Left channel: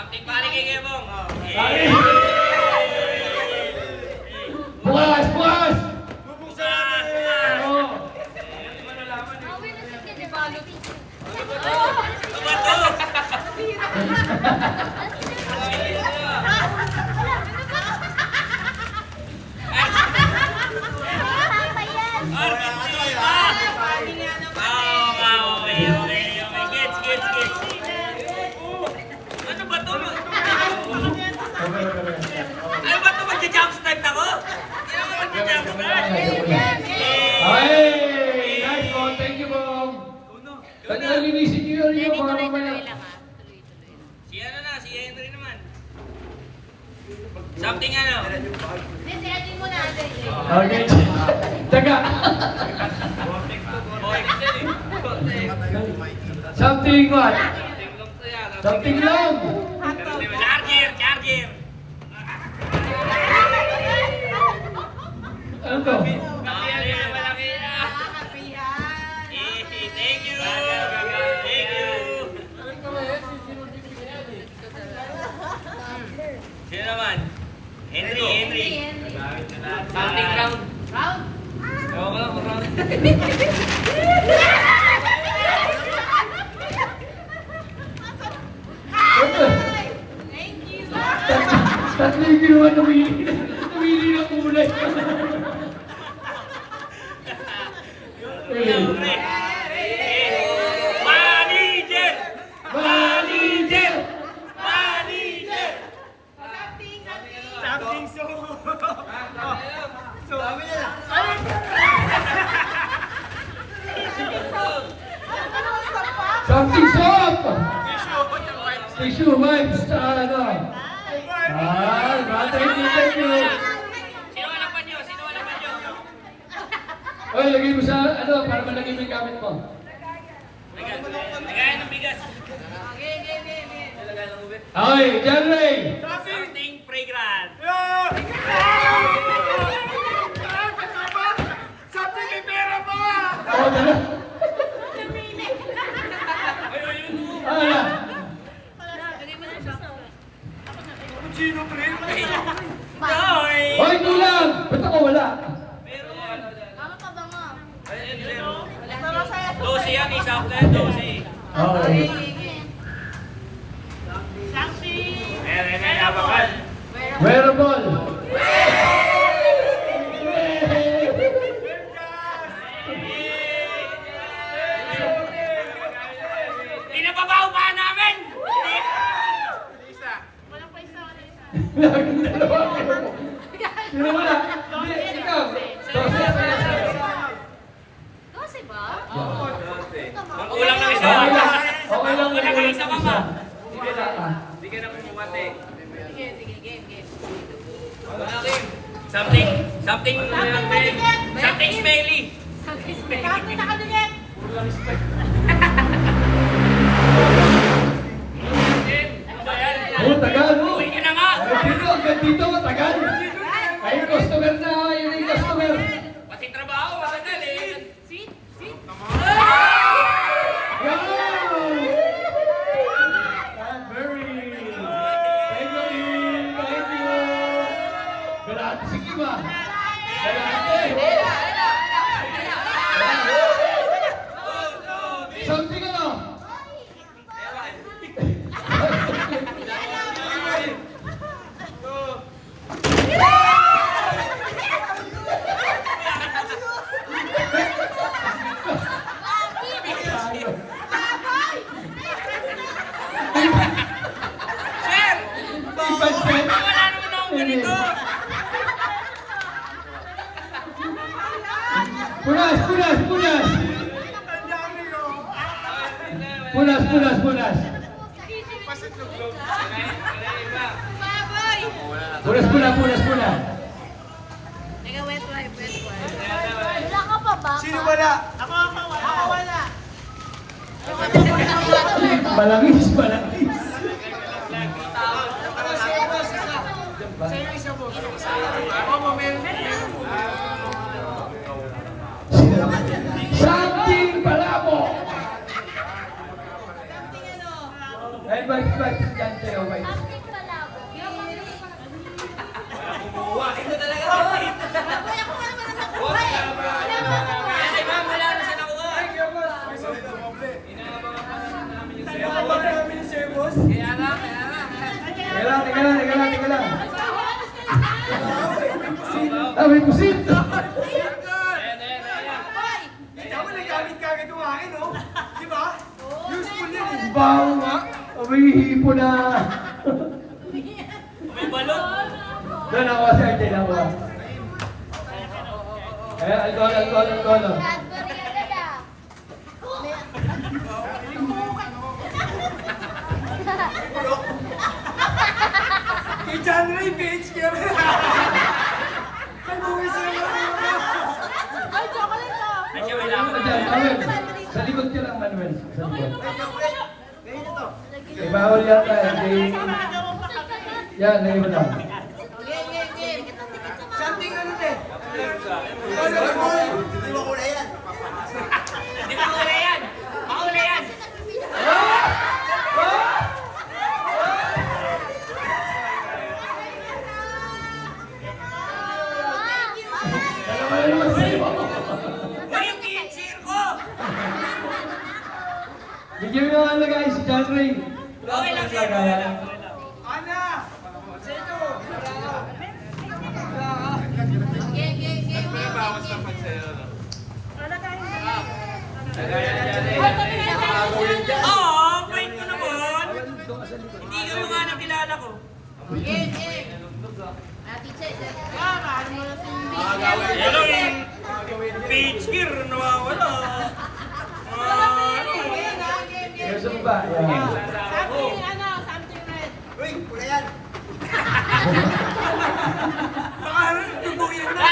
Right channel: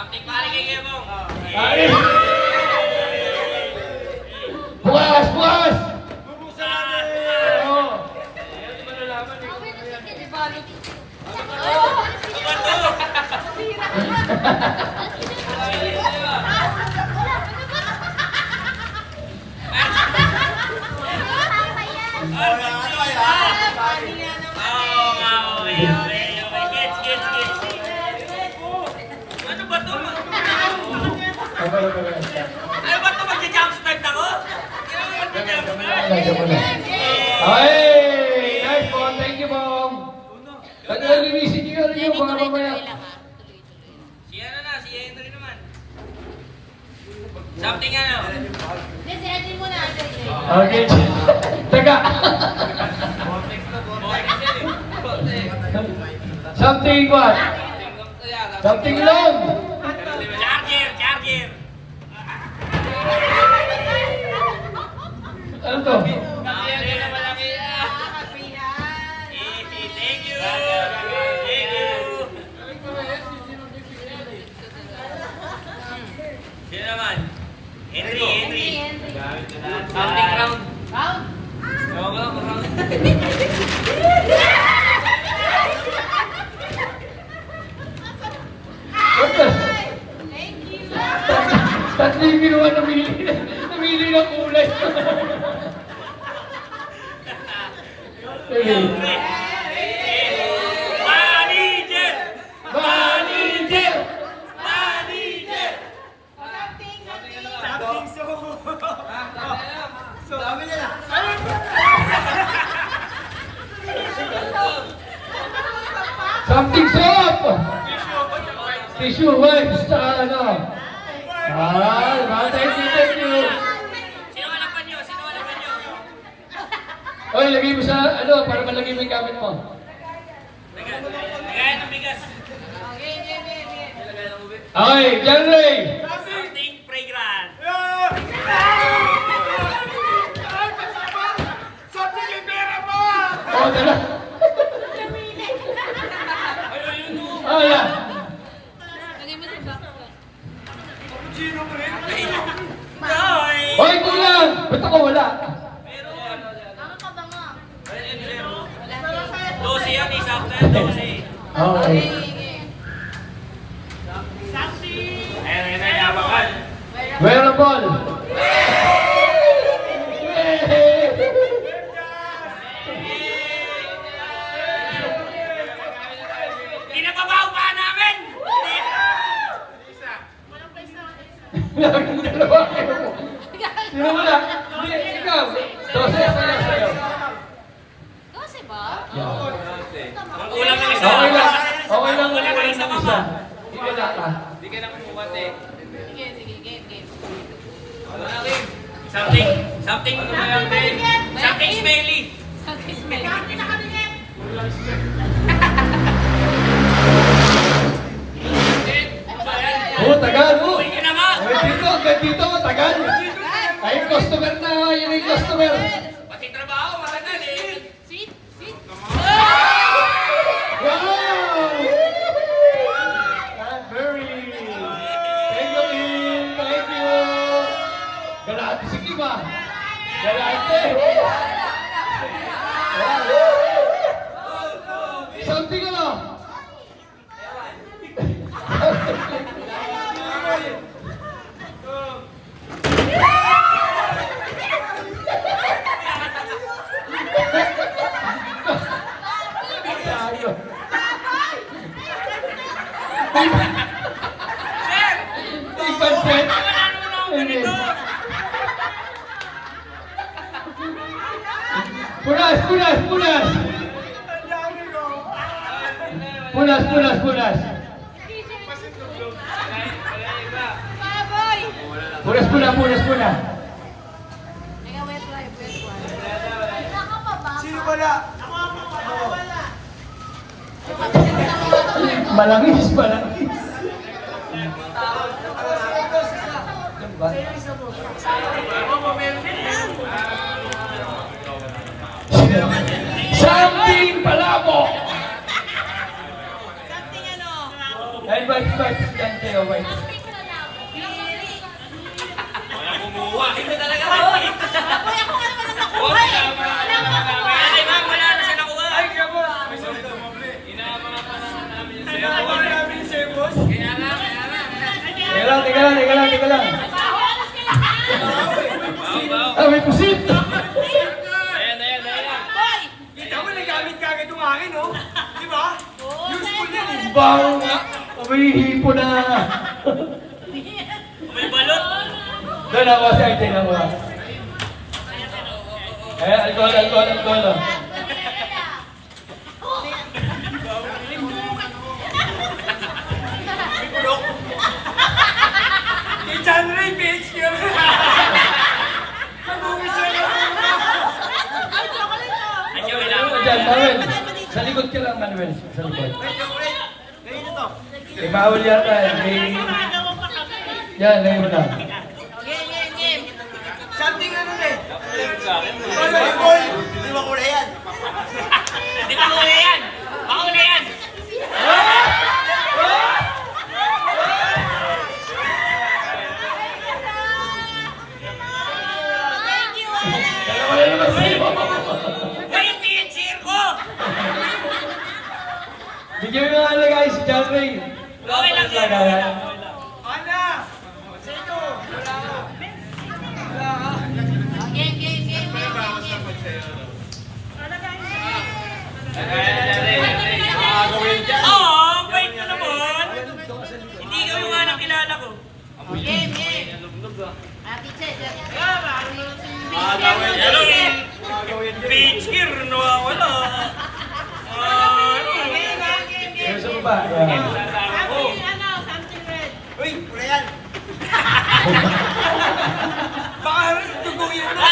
Something pare kay Gebong. Bukas! Bukas! Ano ba to? Ano ba to? Magja-jump start ako? Hindi naman magja-jump start. Ay! Nice po! Thank you po! Pwede na linisin nyo yung mga mamaya. Si ano na, si Henry naman. Something ano? Miss Edwin mo na, Adrian. Okay. Teka! Something what? Something long! Charger! Ano to? Thank you! Sino naman? Henry. Something round. What the? Tatlo yung ginawa na namili ng kulay. Siyempre. Manager! Something soap! Tissue wipes sa ano? Thank you. Sino walapan nyo? Oy, lagay mo sa ano, para malagay mo yung gamit mo. Lagayan ng bigas. Okay, Jerry! Something fragrant. Oh, dala. Ala. Hoy, ito lang! Ba't ako wala? Meron. 12 yan, isa ako tayo, 12. Okay. Wearable! Pinababaw pa namin! Laging dalawa kayo. Sino muna? Hindi, ikaw. 12 pala sa'yo. Kasi ba? Ang kulang ng isa. Okay lang. Okay lang. Ang kulang ng isa, mama. Hindi ka data. Hindi ka naman bumate. Sige, game. Something smelly. Oh, tagal, oh. Uwi ka na nga. Hanggang dito, tagal. Ay, customer na, yun yung customer. Pati trabaho, matagal eh. Sweet. Wow! Very. Thank you, Lynn. Thank you. Galati, sige ba? Galati. Something ano? Sir! Ipansin. Wala naman akong ganito. Punas! Punas! Ikaw, wet wipe. Wala ka pa ba? Sino wala? Malangis. Something palabo! Ay, ba? white yan kayo, white. Kumuha. Ito talaga. Boy, ako nga naman ang nakuha eh. Wala mo nakuha. Ay, ma'am, wala na siya nakuha. Teka lang. Ah, may pusit! Kita mo, nagamit ka agad yung akin, oh. Di ba? Useful yan, eh. Baho nga! May hipo na! May balot. Doon ako sa atin ako. Alcohol. Kay John Ray, PH ka rin. Mag-uwi siya na. Ay, chocolate ko. Ay, siya, wala mo. Diyan, Manuel. Sa likod ka lang, Manuel. Sa likod. Eh, bawal yata. Yan, ngayon lang. Game. Something ano eh. Di ba huli yan? Mahuli yan. Thank you. Dalawa na lang sa'yo. Uy, yung pitcher ko. Bigyan mo nga nilagay si John Ray. Okay lang, sir. Okay lang. Ana! Sino? Game. Oo, wait mo naman. Hindi ko yung nga nang kilala ko. Game. Ate Che, Hello, yung pitcher nawawala. Ano? Pero sa baba. Yan. Uy, pula yan. Baka tubuhin mo na.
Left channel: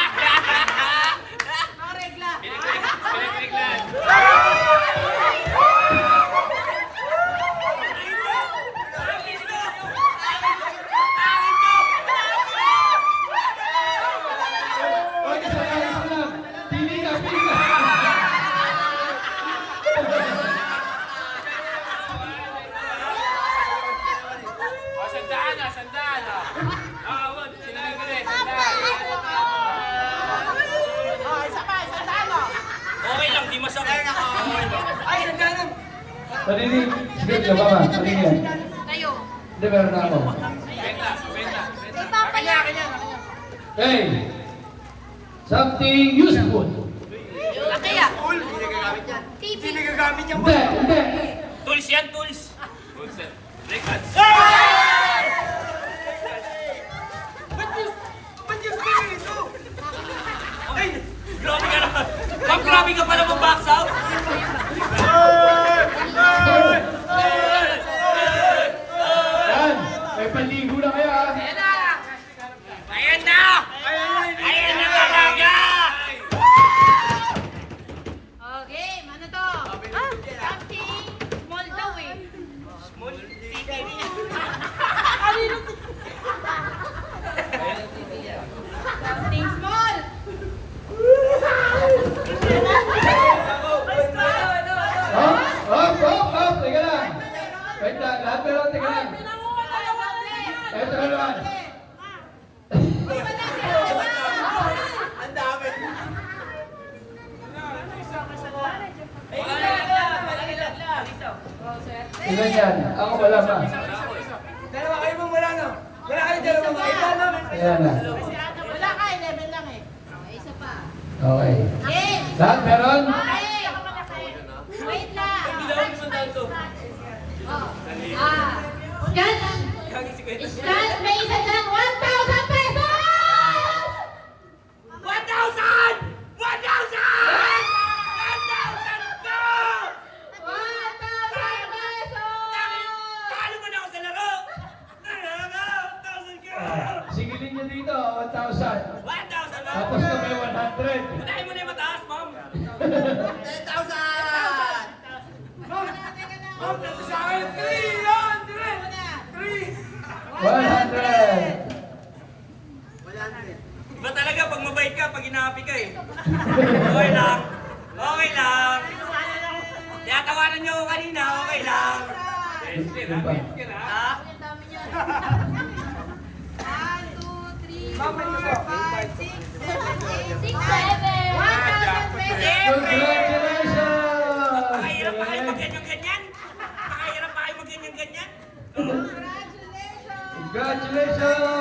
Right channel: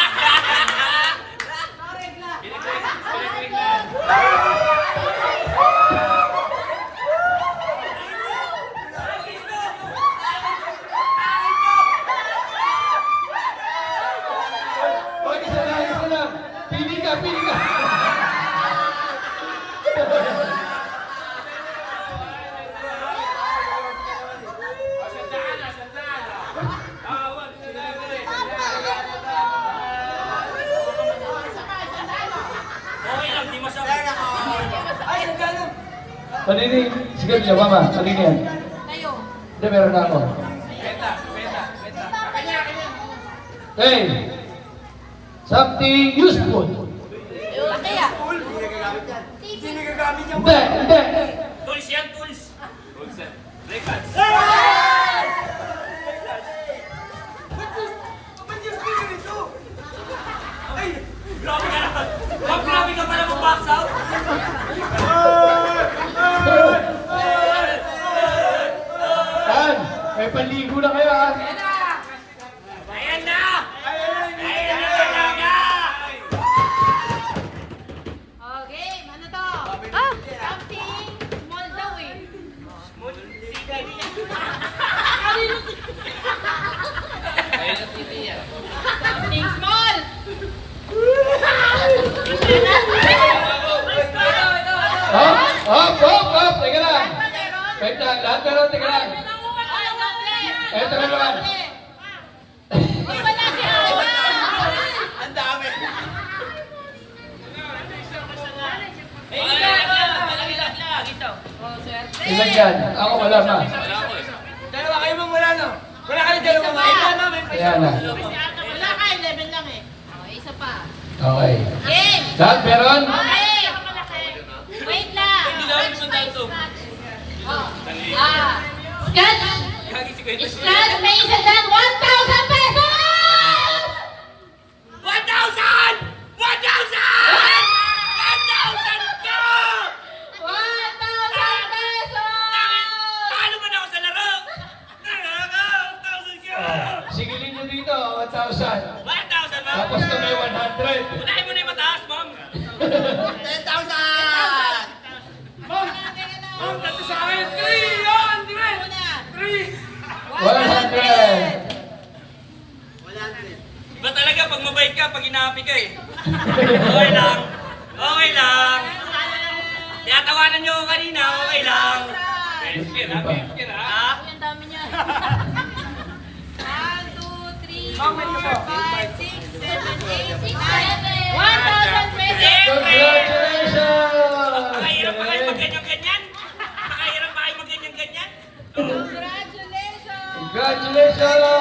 Huwag ka sa lang. Pili ka. Okay lang, di masakit. Ay, nagkalam. Paninig. Sige, siya, mama. Paninig yan. Tayo. Hindi, meron na ako. Hey! Something useful. Laki ah. Hindi nagagamit yan. Hindi. Tools yan, tools. Ba't yung speaker nito? Ay! Grabe ka naman. Ma'am, grabe ka pala mag-box out. Yan. May panligo na kayo, ha? Ayan na! Ayan na talaga! Okay, ano to? Something small daw eh. Something small! Hop. Teka lang. Wait lang. Lahat ka lang. Teka lang. Eto na naman. Wala siya! Ang dami. Malaki lang. Ito. Ilan yan? Ako wala pa. Dalawa kayo mang wala, no? Wala kayo dalawa mga Ayan na. Wala ka, 11 lang eh. Okay, isa pa. Okay. Game! Lahat meron? Okay! Wait lang! Hindi gawin mo tayo ito. Scratch! Scratch! May isa dyan! 1,000 pesos! 1,000! 1,000! 1,000 ka! 1,000 pesos! Paano ba na ako sa laro? 1,000 ka! Sigilin nyo dito, 1,000. 1,000 ba? Tapos kami 100. Unahin mo na yung mataas, ma'am. 10,000! Ma'am, tato sa akin. 3 yan! 3! 100. Iba talaga pag mabait ka, pag inahapi ka eh. Okay lang. Okay lang. Tinatawanan niyo ako kanina, okay lang. Iba. Comment ko po. 5, 6, 7, 8, 6, 7. 1,000 pesos. Siyempre! Congratulations! Pakahirap pa kayo mag-ganyan-ganyan? Pakahirap pa kayo mag-ganyan-ganyan? Congratulations. Congratulations!